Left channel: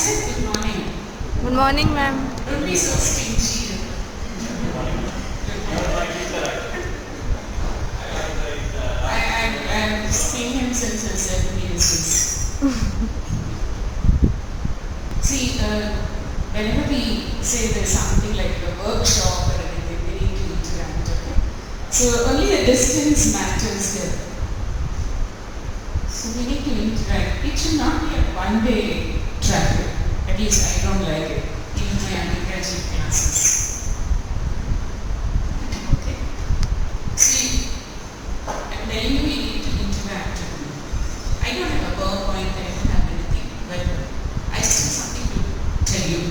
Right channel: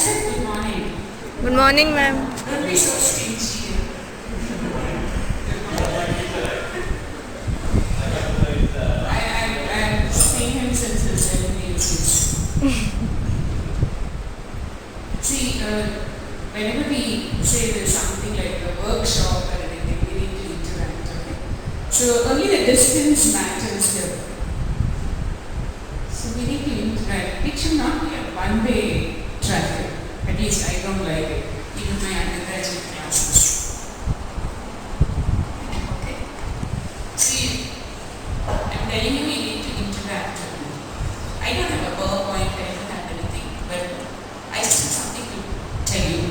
said good morning. Good morning, ma'am. Don't be so stingy. I've seen him since his 7 years. See, whenever we say there's something like a workshop or anything, we need to interact, okay? So only the distance matters here. So we need to interact. It should not be a one-way traffic. At least I don't like it, even my undergraduate classes. Okay? See, I'm telling you, we need to interact. I don't have a PowerPoint, I don't have anything, but I still have something to tell you.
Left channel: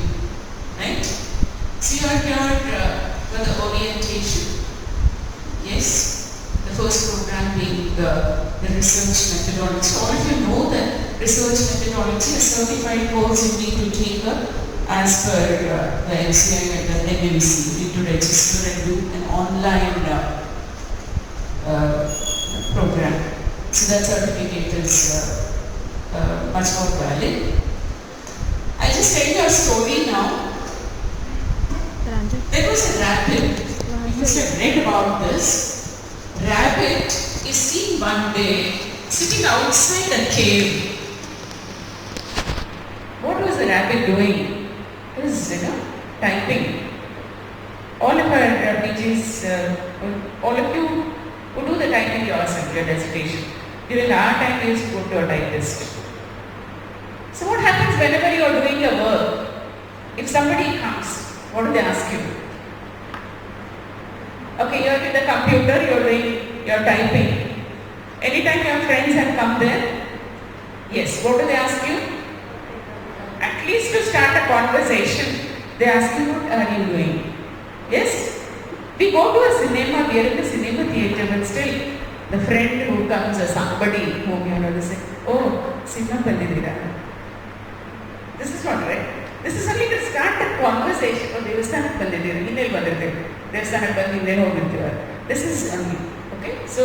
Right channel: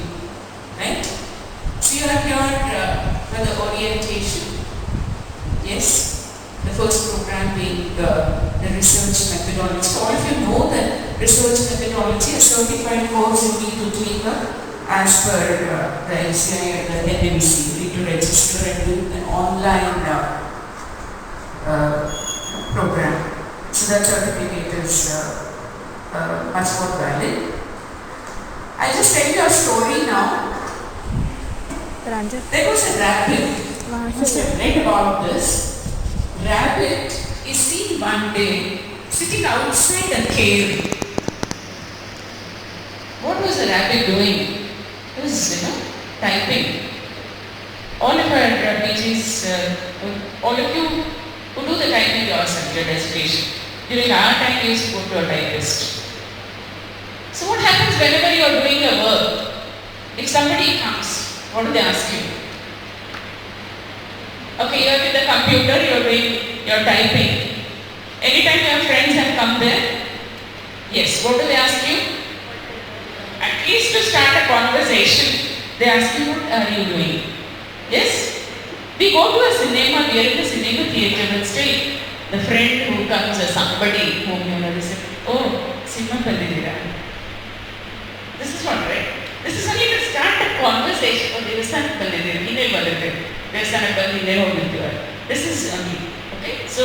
Right? So you are here for the orientation. Yes? The first program being the research methodology. So all of you know that research methodology, a certified course you need to take as per the NCI, the NMC, need to register and do an online program. So that certificate is much more valid. I'll just tell you a story now. There was a rabbit. You must have read about this. Rabbit is seen one day sitting outside a cave. What was the rabbit doing? He was, typing. All of our PGs, all of you who do the typing yourself, your dissertation. During our time, we used to go to a typist. So what happens whenever you are doing your work? If somebody comes, what do they ask you? Okay, you are with the computer, you're typing. Anytime your friends have come there, yes, what do they ask you? At least to start a conversation, they ask you, what are you doing? Yes? We go to a cinema, we are in the cinema theatre, but still, the friend who comes or somebody whom you know, they say, oh, cinema pallidira. This is not right. This is only to start a conversation. Oh, there is a pallidira, this is only, okay? So,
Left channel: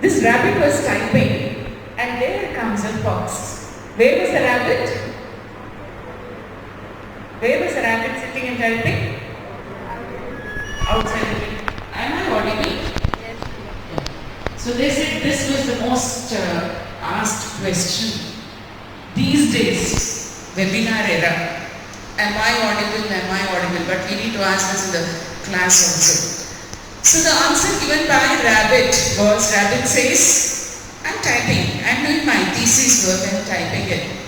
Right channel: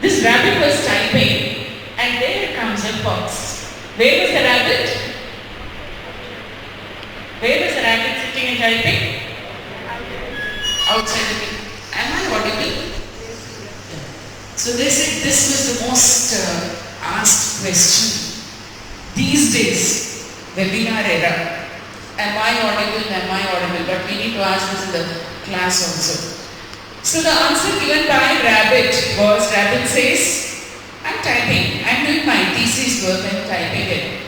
this rabbit was typing and there comes a fox. Where was the rabbit? Where was the rabbit sitting and typing? Outside the cave. Am I audible? Yes. Yeah. So they said this was the most asked question. These days, webinar era. Am I audible? Am I audible? But we need to ask this in the class also. So the answer given by rabbit was, rabbit says, I'm typing, I'm doing my thesis work and typing it.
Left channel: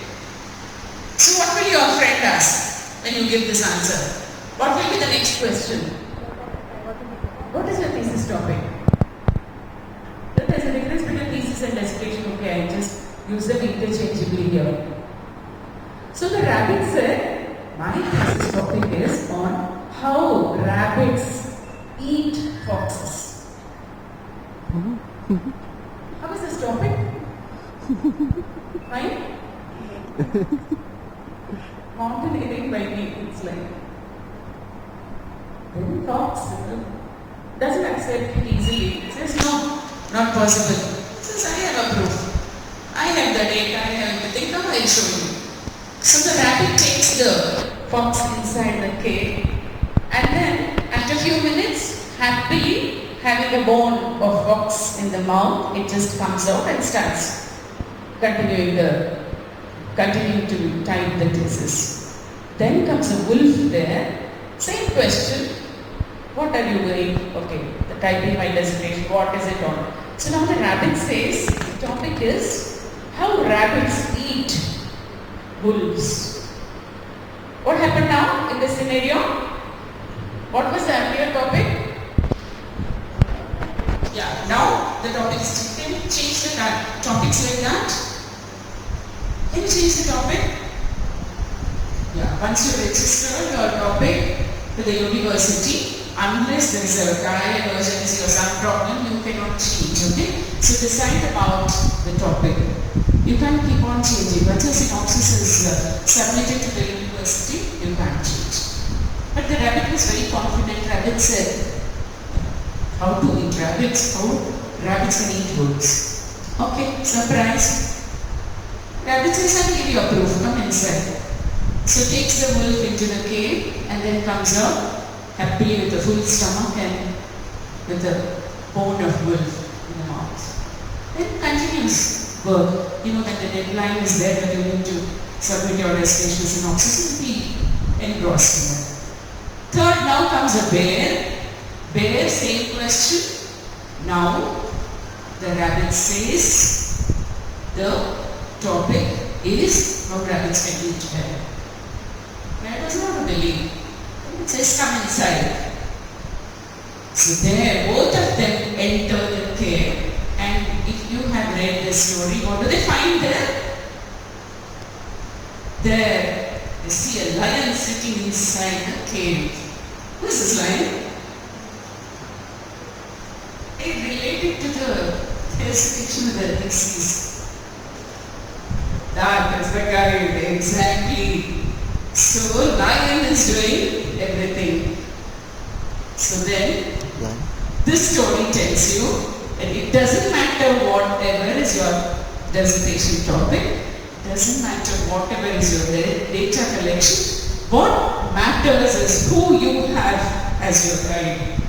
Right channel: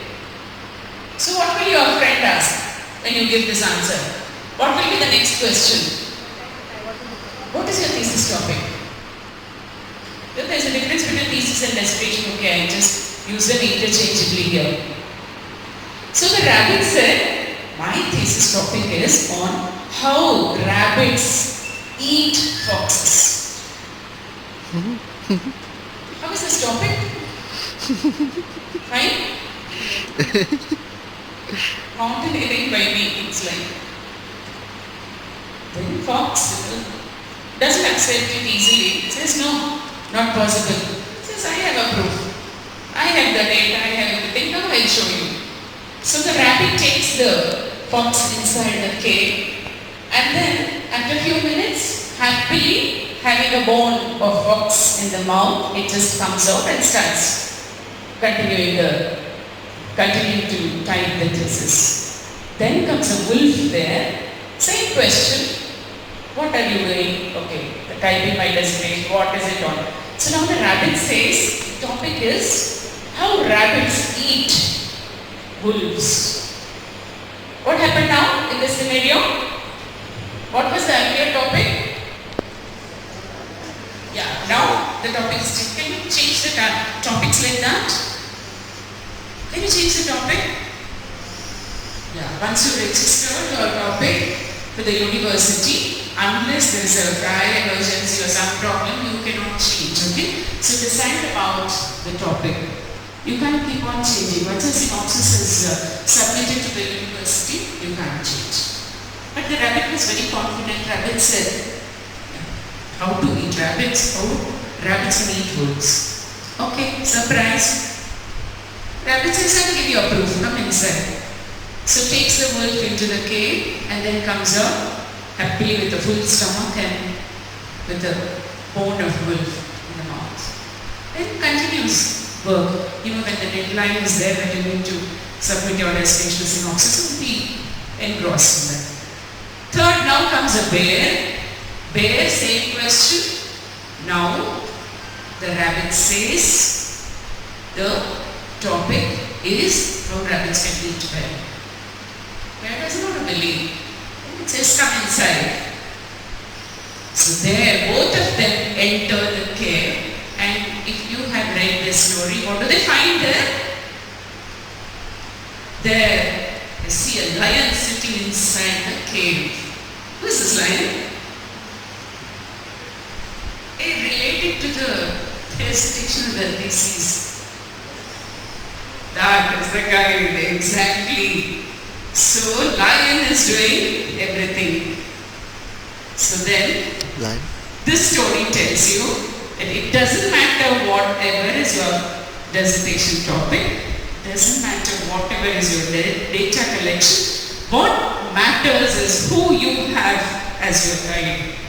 So what will your friend ask when you give this answer? What will be the next question? What is your thesis topic? Then there's a difference between thesis and dissertation. Okay, I just use them interchangeably here. So the rabbit said, my thesis topic is on how rabbits eat foxes. How is this topic? Fine? Mountaineering by me, it's like. Then fox doesn't accept it easily. It says, no, not possible. It says, I have a proof. I have the data, I have everything. Now I'll show you. So the rabbit takes the fox inside the cave, and then after a few minutes, happily having a bone of fox in the mouth, it just comes out and starts continuing to type the thesis. Then comes a wolf there, same question, what are you doing? Okay, the typing my dissertation, what is it on? So now the rabbit says, the topic is how rabbits eat wolves. What happened now in this scenario? What was the earlier topic? Yeah, now the topic is, can you change the topics like that? Can you change the topic? Yeah, once you register your topic to the university, unless there is a dire emergency or some problem, you cannot change, okay? So decide about the topic. You can't keep on changing. Once a synopsis is submitted to the university, you can't change. But the rabbit was very confident. Rabbit said, how to eat rabbits? How rabbits can eat wolves. Okay, surprise. Rabbit says, I'll give you a proof. Come inside. So takes the wolf into the cave and then comes out happily with a full stomach and with a bone of wolf in the mouth. Then continues work. You know that the deadline is there that you need to submit your dissertation synopsis and be engrossed in that. Third, now comes a bear. Bear, same question. Now, the rabbit says the topic is how rabbits can eat well. Bear does not believe. It says come inside. So there, both of them enter the cave, and if you have read this story, what do they find there? There, you see a lion sitting inside the cave. Who is this lion? It related to the dissertation of the thesis. That is the guide, exactly. So, lion is doing everything. So then, this story tells you that it doesn't matter whatever is your dissertation topic, doesn't matter whatever is your data collection, what matters is who you have as your guide.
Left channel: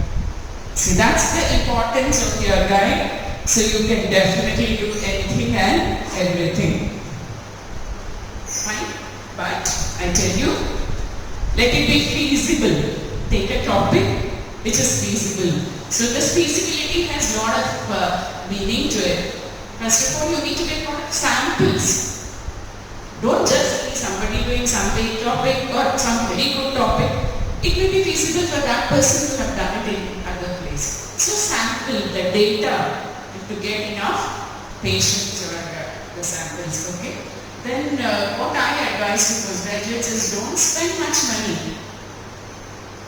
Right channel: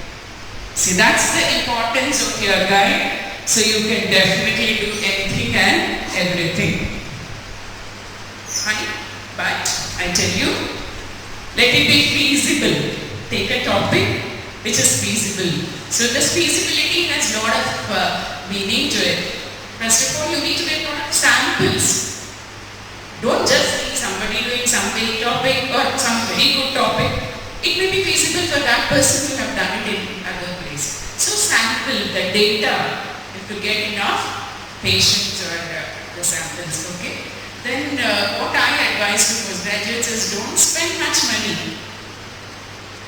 See, that's the importance of your guide, so you can definitely do anything and everything. Fine, but I tell you, let it be feasible. Take a topic which is feasible. So this feasibility has a lot of meaning to it. First of all, you need to get a lot of samples. Don't just see somebody doing some big topic or some very good topic. It may be feasible for that person to have done it in other places. So sample the data. If you get enough patients or the samples, okay? Then what I advise to postgraduates is don't spend much money.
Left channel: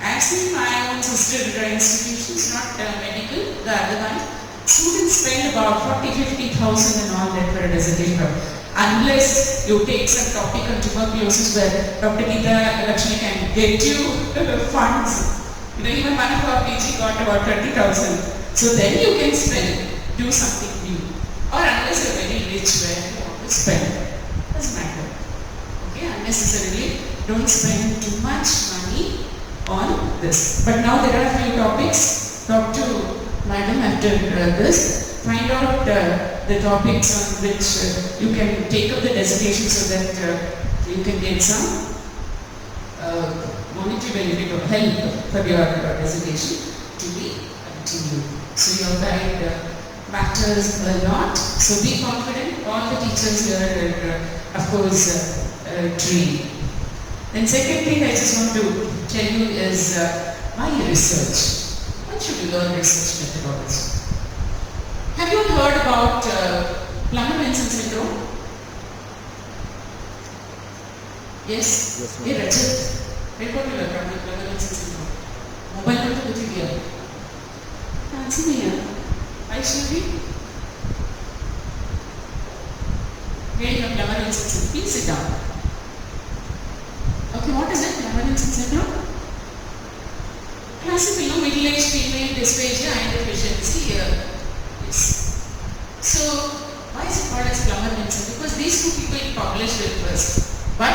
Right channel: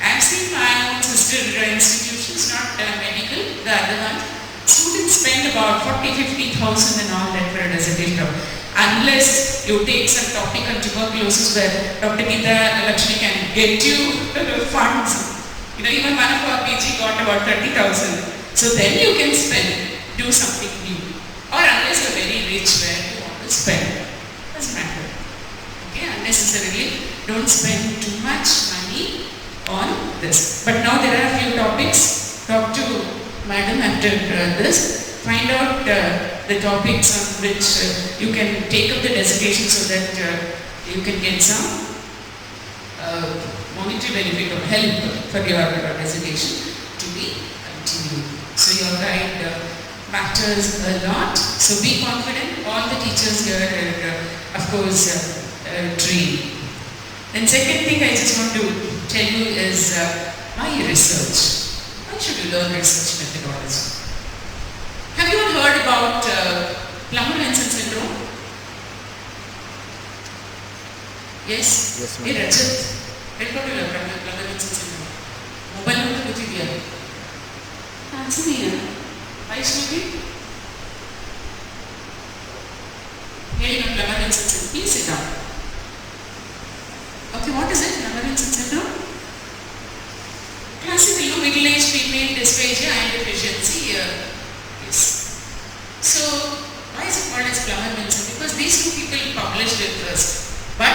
I've seen my own sister institutions, not medical, the other one. Students spend about 40,000-50,000 and all that for a dissertation. Unless you take some topic on tuberculosis where Dr. Geeta Lakshmi can get you funds. You know, even one of our PG got about 30,000. So then you can spend, do something new. Or unless you're very rich where you want to spend. Doesn't matter. Okay, unnecessarily don't spend too much money on this. But now there are a few topics. Talk to madam after this. Find out the topics on which you can take up the dissertation so that you can get some monetary benefit or help for your dissertation to be continued. So your guide matters a lot. So be confident. All the teachers here are, of course, trained. Then second thing I just want to tell you is why research? Why should you learn research methodology? Have you all heard about Plummer-Vinson syndrome? Yes? Yes, ma'am. Hey Rajat, what do you learn Plummer-Vinson syndrome? Mobile number कुछ दिया है? Answer नहीं है. Vaishnavi? Hearing of Plummer-Vinson syndrome. Please sit down. Okay, what is it? Plummer-Vinson syndrome? Classical, middle-aged female dysphagia and deficiency. Yes. So, why is it called as Plummer-Vinson? Because these two people published it first. But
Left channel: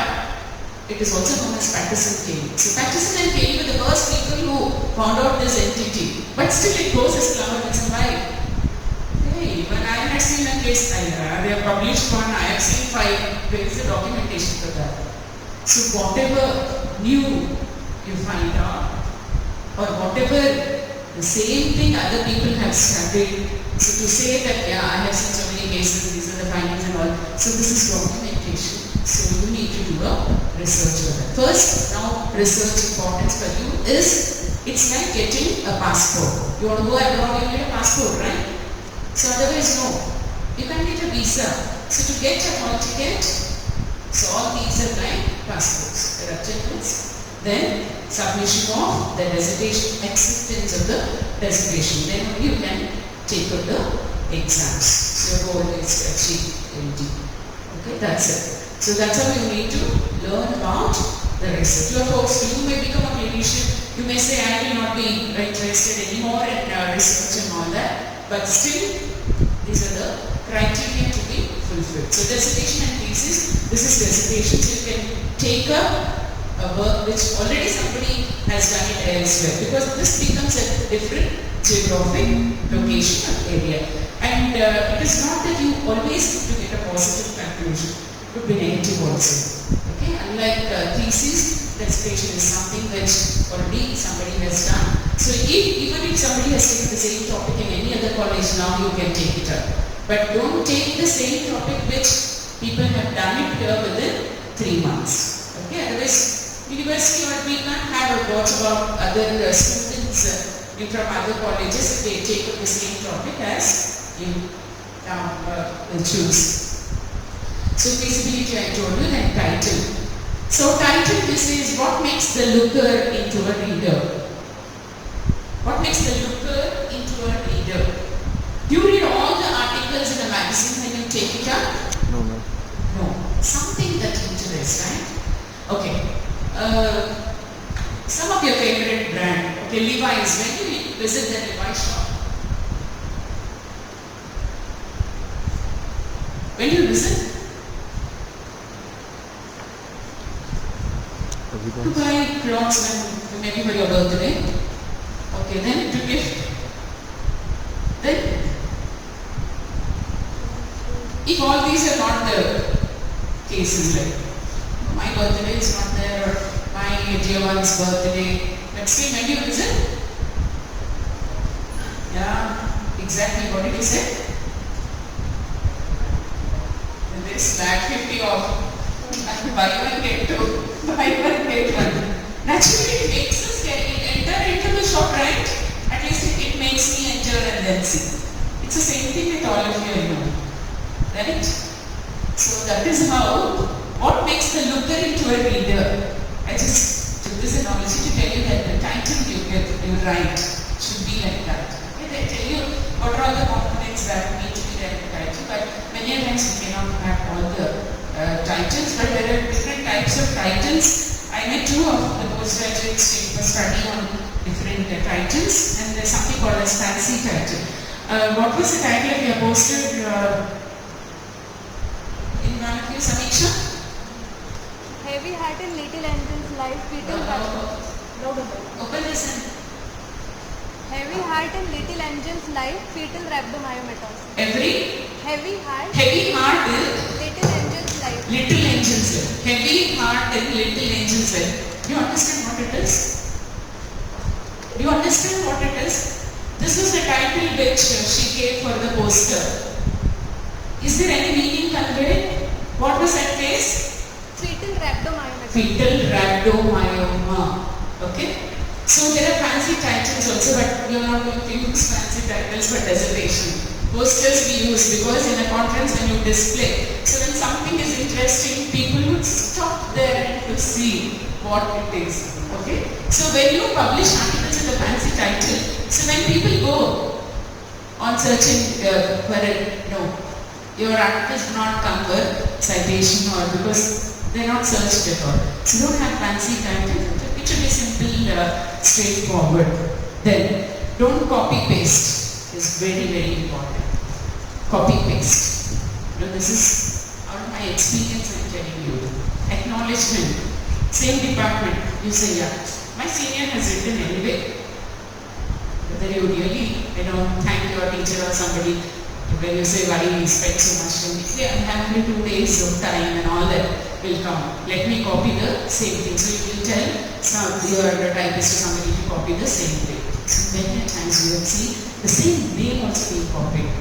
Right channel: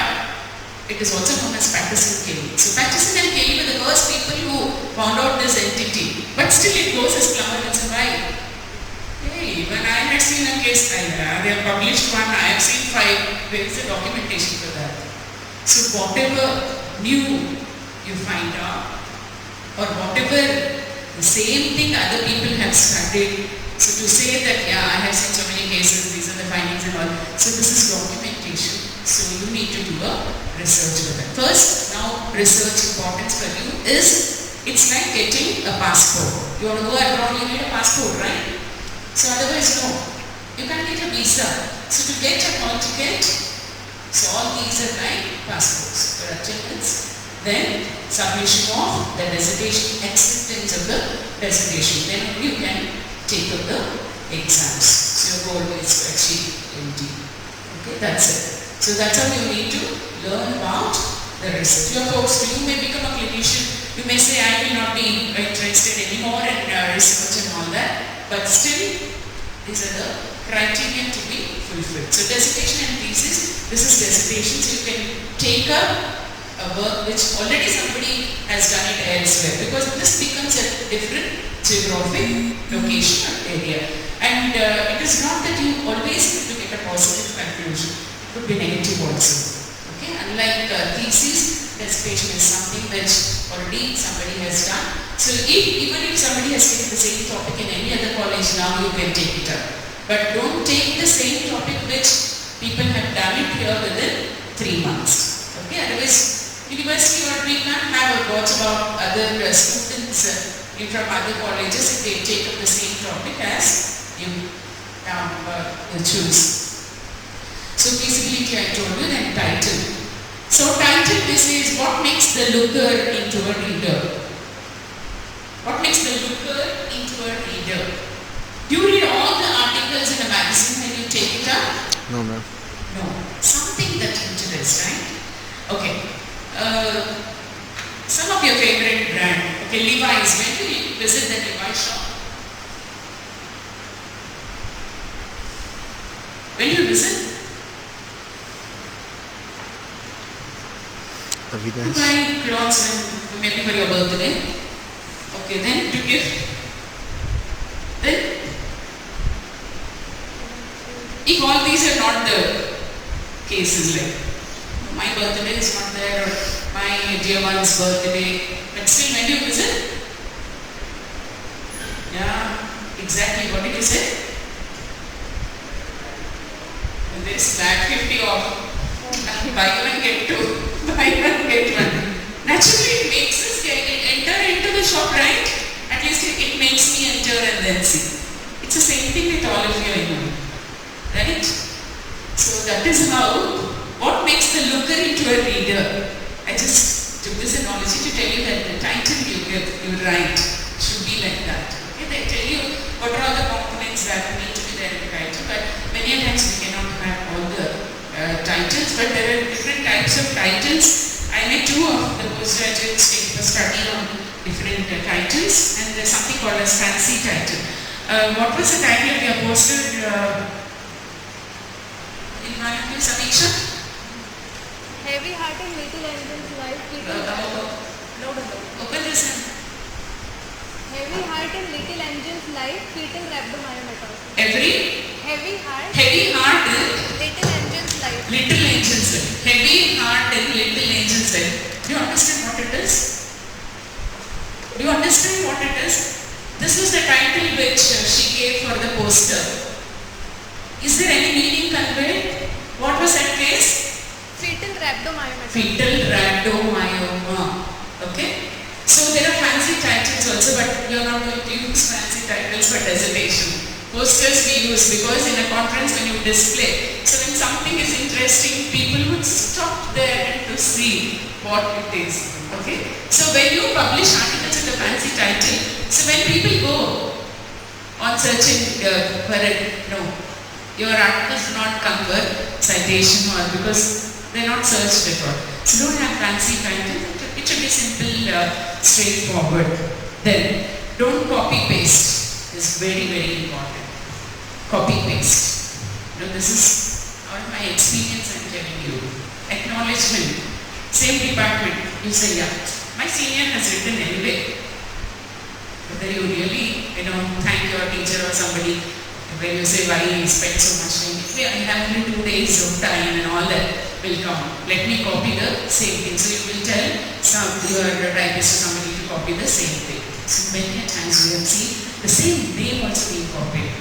it is also known as Patterson Kelly. So, Patterson and Kelly were the first people who found out this entity. But still it goes as Plummer-Vinson. Why? Hey, when I had seen a case, they have published one, I have seen 5. There is a documentation for that. So, whatever new you find out, or whatever the same thing other people have studied, so to say that, yeah, I have seen so many cases, these are the findings and all. So this is documentation. So you need to do a research for that. First, now research importance for you is, it's like getting a passport. You want to go abroad, you need a passport, right? So otherwise, no. You can't get a visa. So to get a hall ticket, so all these are like passports. There are tickets. Then submission of the dissertation, acceptance of the dissertation. Then only you can take up the exams. So your goal is to achieve MD. Okay, that's it. So that's how you need to learn about the research. You are forced to, you may become a clinician. You may say, I will not be interested anymore in research and all that. But still, these are the criteria to be fulfilled. good. So dissertation and thesis, this is dissertation. So you can take a work which already somebody has done it elsewhere, because this becomes a different geographic location or area. And it is not that you always need to get a positive conclusion. It could be negative also. Okay, unlike thesis, dissertation is something which already somebody has done. So even if somebody has taken the same topic in any other college, now you can take it up. But don't take the same topic which people have done it here within 3 months. Okay, otherwise university, or we can't have a watch about other students from other colleges if they take up the same topic as you choose. So feasibility, I told you, then title. So title, this is what makes the looker into a reader. What makes the looker into a reader? Do you read all the articles in a magazine when you take it up? No, ma'am. No. Something that interests, right? Okay. Some of your favorite brand. Okay, Levi's. When do you visit the Levi's shop? When do you visit? To buy clothes and maybe for your birthday. Okay, then to give. Then, if all these are not the cases, like my birthday is not there, or my dear one's birthday, but still when do you visit? Yeah, exactly. What did you say? And this flat 50 off. Buy one get two. Buy one get one. Naturally, it makes us enter into the shop, right? At least it makes me enter and then see. It's the same thing with all of you, I know. Right? So that is how, what makes the looker into a reader. I just took this analogy to tell you that the title you write should be like that. Okay, they tell you what are all the components that need to be there in the title, but many times we cannot have all the titles, but there are different types of titles. I met two of the postgraduates taking a study on different titles, and there's something called as fancy title. What was the title of your poster in Manipur, Samiksha? Heavy heart in little engines, life beating Open this in. Heavy heart in little engines, life fetal rhabdomyometer. Heavy heart Little engines, life. little engines life. Heavy heart in little engines life. Do you understand what it is? Do you understand what it is? This was the title which she gave for the poster. Is there any meaning conveyed? What was that case? Fetal rhabdomyometer. Fetal rhabdomyoma. Okay? So there are fancy titles also, but you are not going to use fancy titles for dissertation. Posters we use because in a conference when you display. So when something is interesting, people would stop there to see what it is. Okay? So when you publish articles with a fancy title, so when people go on searching for it, no, your articles do not come with citation or because they are not searched at all. So don't have fancy titles. It should be simple, straightforward. Then don't copy paste. Is very, very important. Copy paste. You know, this is out of my experience I'm telling you. Acknowledgement. Same department. You say, yeah, my senior has written anyway. Whether you really, thank your teacher or somebody, when you say why you spend so much time, yeah, I have only 2 days of time and all that will come. Let me copy the same thing. So you will tell your typist or somebody to copy the same thing. So many times we have seen the same name also being copied.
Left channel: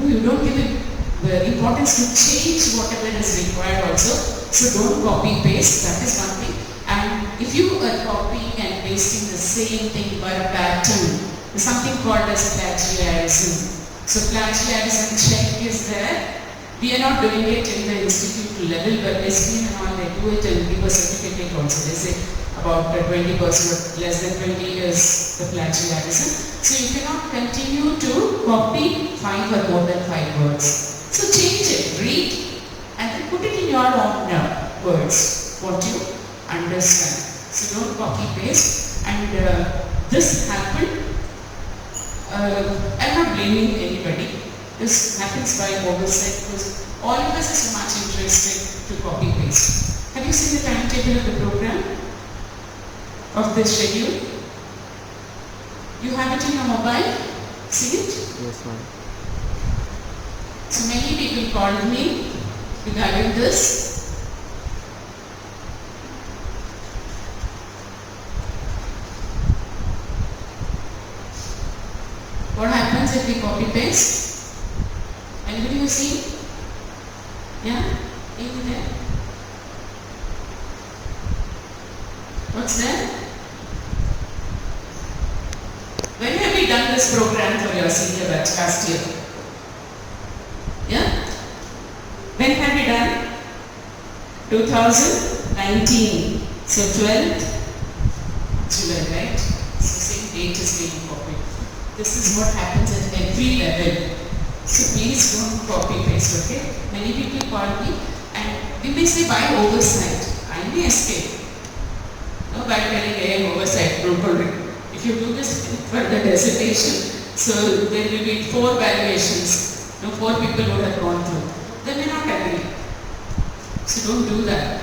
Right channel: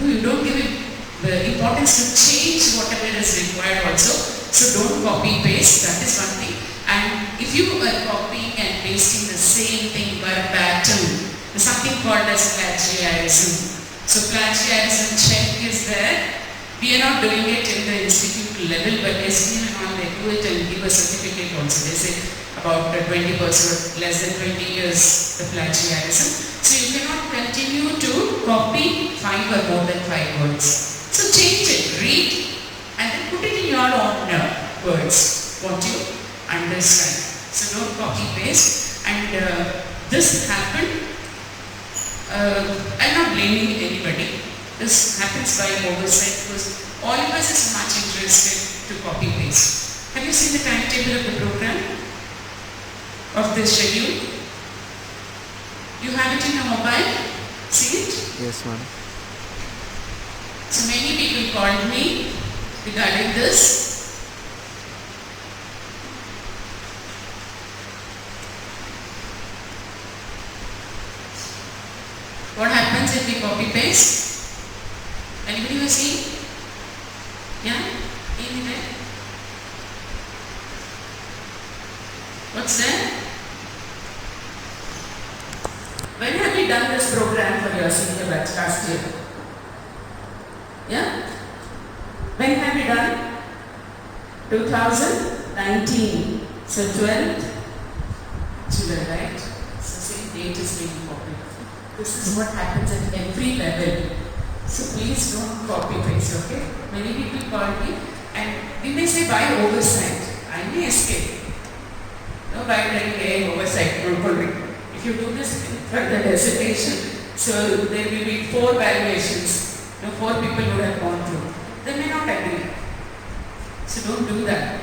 You don't give it the importance to change whatever is required also. So don't copy paste, that is one thing. And if you are copying and pasting the same thing verbatim, there's something called as plagiarism. So plagiarism check is there. We are not doing it in the institute level, but SPM and all, they do it and give a certificate also. They say about 20% or less than 20 years the plagiarism. So you cannot continue to copy 5 or more than 5 words. So change it, read, and then put it in your own words, what you understand. So don't copy paste. And this happened, I'm not blaming anybody. This happens by oversight because all of us is much interested to copy paste. Have you seen the timetable of the program? Of this schedule? You have it in your mobile? See it? Yes, ma'am. So many people called me regarding this. What happens if we copy paste? Anybody who see? Yeah? Any there? What's that? When have we done this program for your senior batch last year? Yeah? When have we done? 2019. So 12th July, right? So same date is being copied. This is what happens at every level. So please don't copy paste, okay? Many people call me and we may say by oversight. I may escape. No, by telling hey, oversight, don't worry. If you do this for the dissertation, so there will be 4 valuations. No, 4 people would have gone through. They may not agree. So don't do that.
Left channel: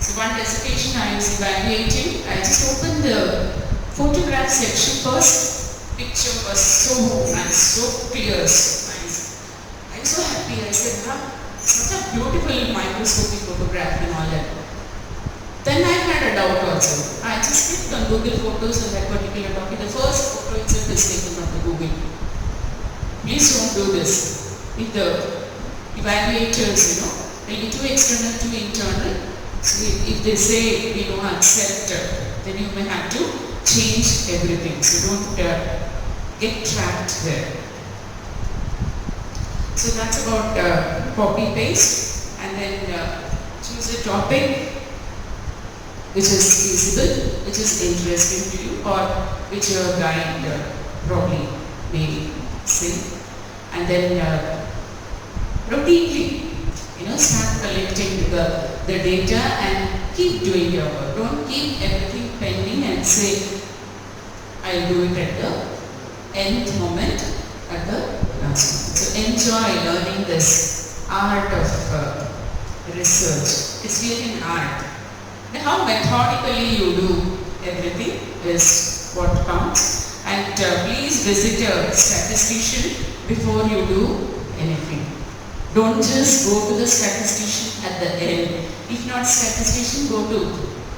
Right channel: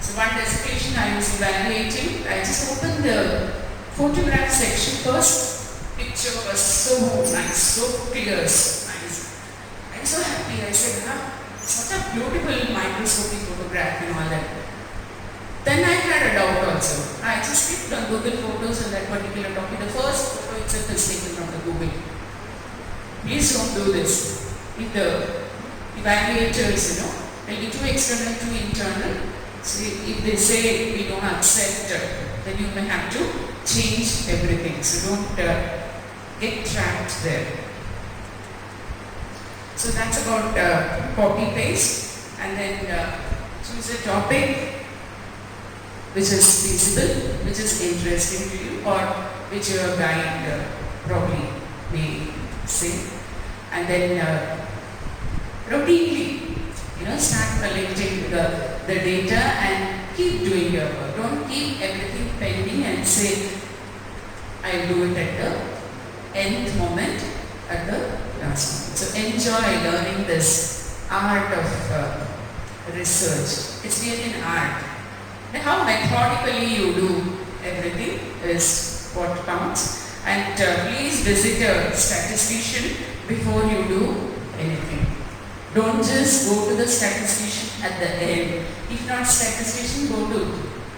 So one dissertation I was evaluating, I just opened the photograph section first. Picture was so nice, so clear, so nice. I was so happy. I said, such a beautiful microscopic photograph and all that. Then I had a doubt also. I just clicked on Google Photos on that particular topic. The first photo itself is taken from the Google. Please don't do this. If the evaluators, they'll be too external, too internal. So if they say we don't accept, then you may have to change everything. So don't get trapped there. So that's about copy paste, and then choose a topic which is feasible, which is interesting to you, or which your guide probably may say, and then routinely, start collecting the data and keep doing your work. Don't keep everything pending and say, I'll do it at the end moment, at the last moment. So enjoy learning this art of research. It's really an art. Now, how methodically you do everything is what counts. And please visit a statistician before you do anything. Don't just go to the statistician at the end. If not statistician, go to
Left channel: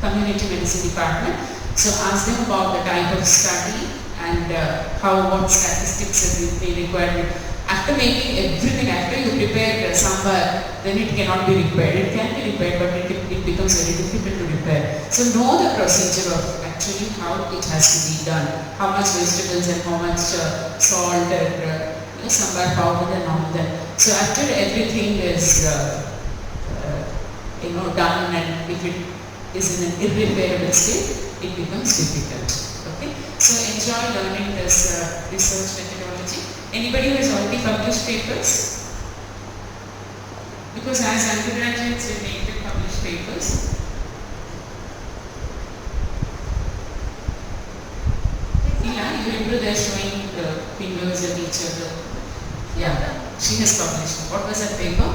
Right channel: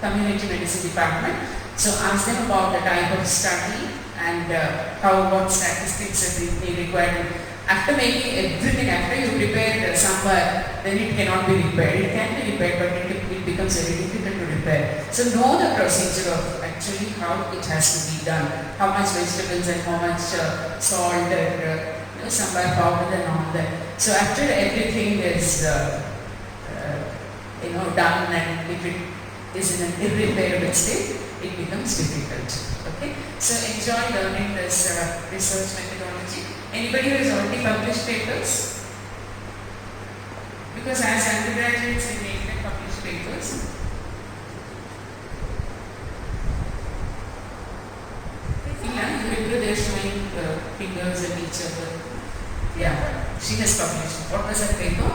community medicine department. So ask them about the type of study and what statistics are required. After making everything, after you prepare sambar, then it cannot be repaired. It can be repaired, but it becomes very difficult to repair. So know the procedure of actually how it has to be done. How much vegetables and how much salt and sambar powder and all that. So after everything is done, and if it is in an irreparable state, it becomes difficult. Okay, so enjoy learning this research methodology. Anybody who has already published papers? Because as undergraduates, we make them publish papers. Yeah, they're showing fingers at each other. Yeah, she has published. What was her paper?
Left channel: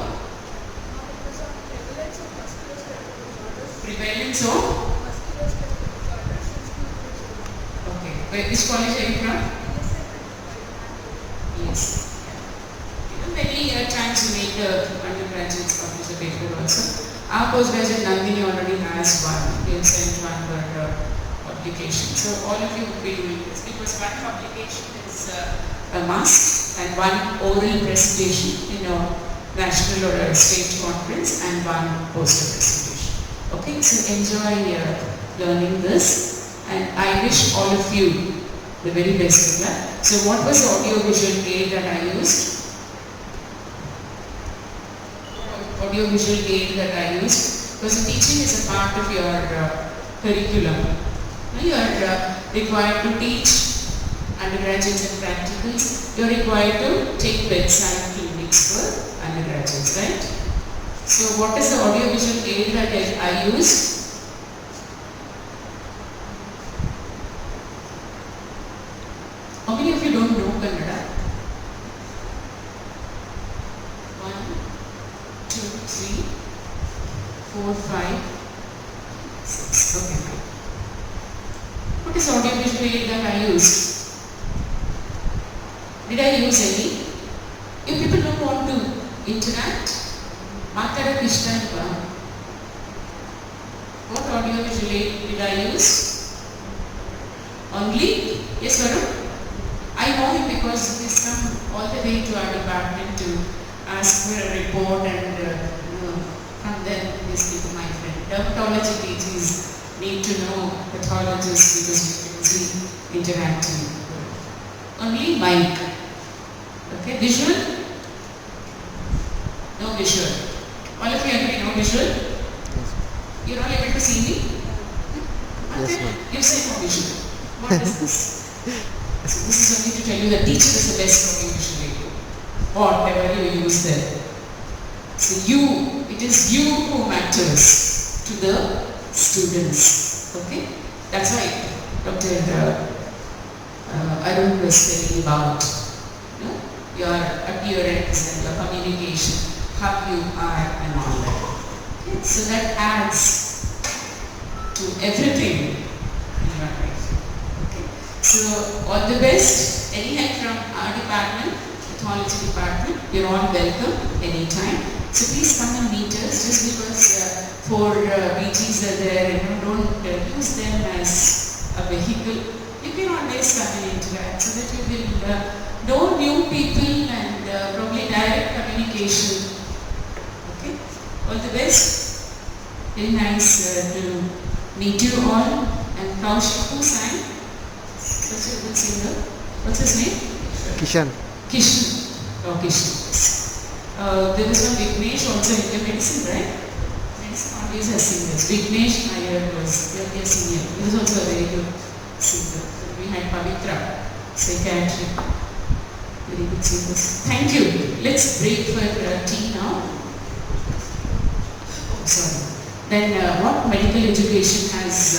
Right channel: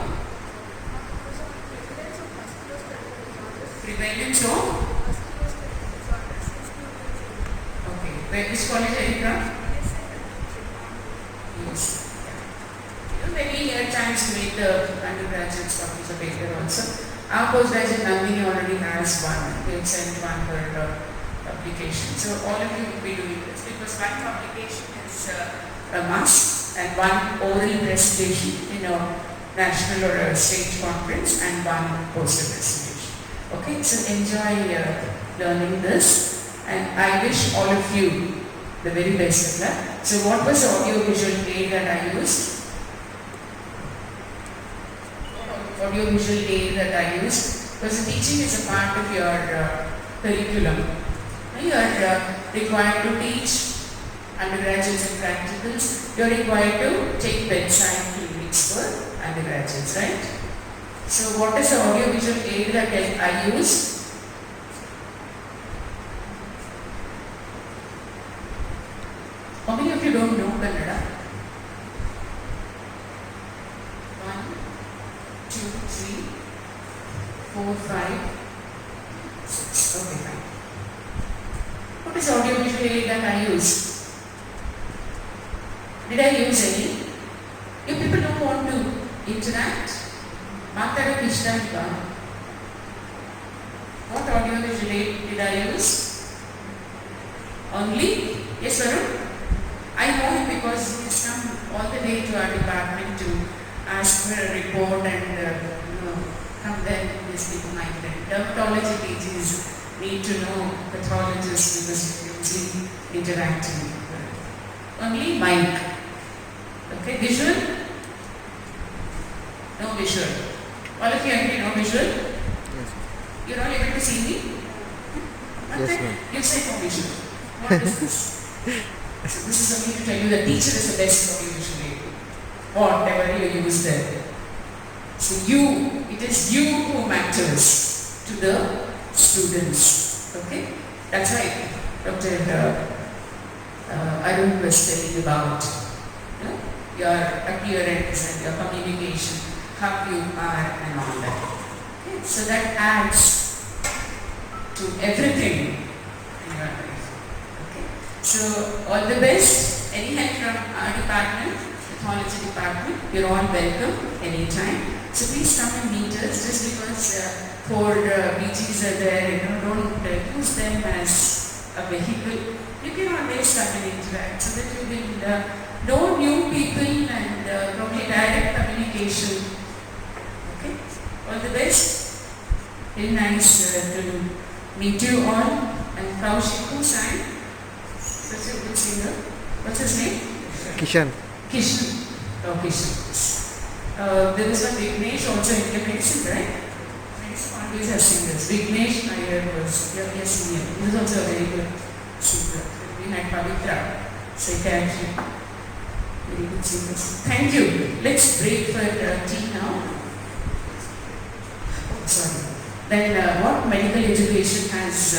Prevalence of? Okay, which college are you from? Yes. Many times we make the undergraduates publish the paper also. Our postgraduate Nandini already has one. We have sent one for publication. So all of you will be doing this because one publication is a must and one oral presentation in a national or a state conference and one poster presentation. Okay, so enjoy learning this. And I wish all of you the very best of that. So what was the audio-visual aid that I used? Audio-visual aid that I used because the teaching is a part of your curriculum. You are required to teach undergraduates and practicals. You are required to take bedside clinics for undergraduates, right? So what is the audio-visual aid that I used? How many of you don't know Kannada? 5, 6. Okay, fine. What is audiovisual aid that I use? Did I use any? If people don't want to interact, Matara Krishna, what audiovisual aid did I use? Only? Yes, Varun? I know him because he has come all the way to our department to ask for a report and come there and speak to my friend. Dermatology PGs need to know pathologists because we usually interacting. Only mic. Okay, visual? No visual. All of you agree, no visual? Yes. You're all able to see me? Yes, ma'am. You say no visual. What is this? So this is only to tell you that teacher is the best audiovisual aid. Whatever you use there. So it is you who matters to the students. Okay? That's why Dr. Arun was telling about your appearance and your communication, how you are and all that. Okay? So that adds to everything in your life. Okay? So all the best. Any help from our department, pathology department, you're all welcome anytime. So please come and meet us. Just because 4 BGs are there, don't use them as a vehicle. You can always come and interact so that you will know new people and probably direct communication. Okay? All the best. Very nice to meet you all. And Kaushik, who sang? Such a good singer. What's his name? Kishan. Kishan. Oh, Kishan. Yes. There was one Vignesh also in the medicine, right? Medicine always has singers. Vignesh Nair was your senior. He was also a very good singer. We had Pavitra, psychiatric, very good singers. Thank you. Let's break for tea now. Oh, sorry. Then what medical education has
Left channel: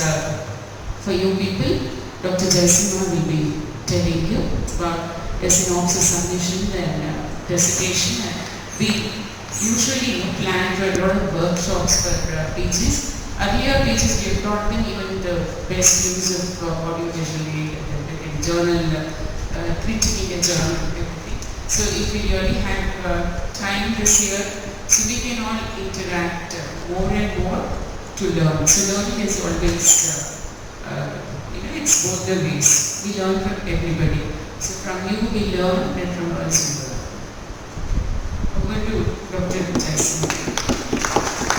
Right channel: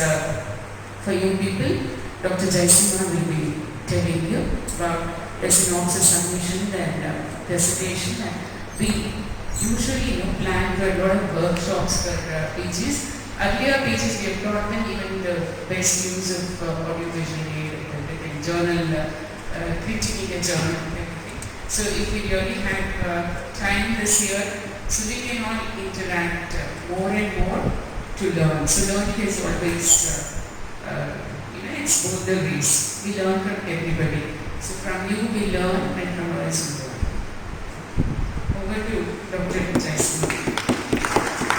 for you people, Dr. Jaisimha will be telling you about the synopsis submission and dissertation. And we usually plan for a lot of workshops for PGs. Earlier PGs we have taught them even the best use of audiovisual aid and everything, journal, critiquing a journal and everything. So if we really have time this year, so we can all interact more and more to learn. So learning is always, it's both the ways. We learn from everybody. So from you we learn and from us we learn. Over to Dr. Jaisima.